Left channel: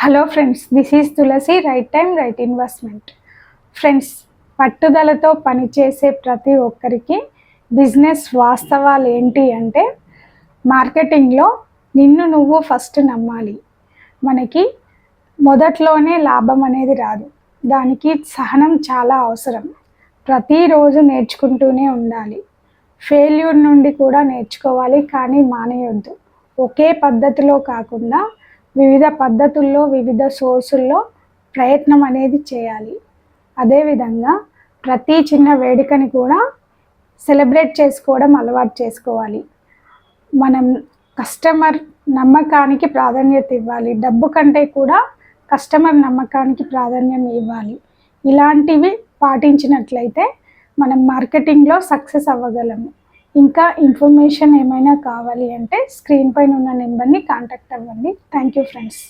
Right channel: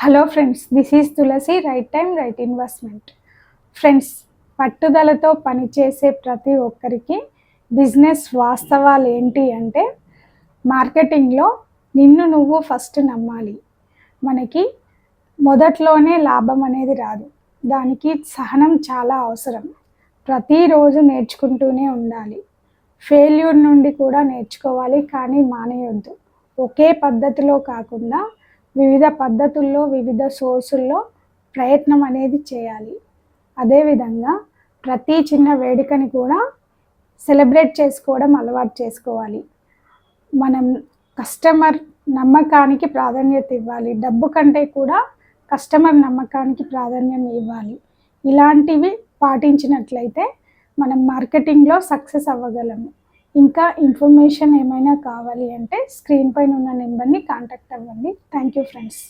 Hello friends, this is Tulasi. Right time right investment. Friends, పట్టుదలతో పనిచేసే ప్రతి ఒక్కరికి బిజినెస్ వాస్తవాలు ఏంటి అంటే, మార్కెటింగ్లో నిన్ను నువ్వు ఫస్ట్ నమ్మాలి. మనకి మొదట్లోనే లాభం అనేది రాదు, దానికి సహనం చాలా అవసరం. ప్రతిరోజు నేర్చుకుంటూనే ఉండాలి. ఫెయిల్యూర్ నుండి కూడా నేర్చుకోవాలి, కానీ మానేయొద్దు. ఒకే పద్ధతిలో కాకుండా వివిధ పద్ధతుల్లో, వివిధ సోర్సుల్లో ప్రయత్నం అనేది చేయాలి. అదేవిధంగా ప్రతి చిన్న వేడుకని కూడా సెలబ్రేట్ చేసుకోవడం అలవాటు చేసుకోవాలి. మనం కస్టమర్ నమ్మకానికి ప్రాధాన్యత ఇవ్వాలి. డబ్బు కంటే కూడా కస్టమర్ నమ్మకానికి ప్రాధాన్యం ఇవ్వాలి. ఇలాంటివి పాటించినట్లయితే మనం మార్కెటింగ్లో సక్సెస్ అవ్వగలము. ఇంకా ఇన్ఫర్మేషన్ ఏమైనా కావాలి అంటే స్క్రీన్ పైన ఉన్న నెంబర్ని కాంటాక్ట్ అవ్వండి. Thank you friends.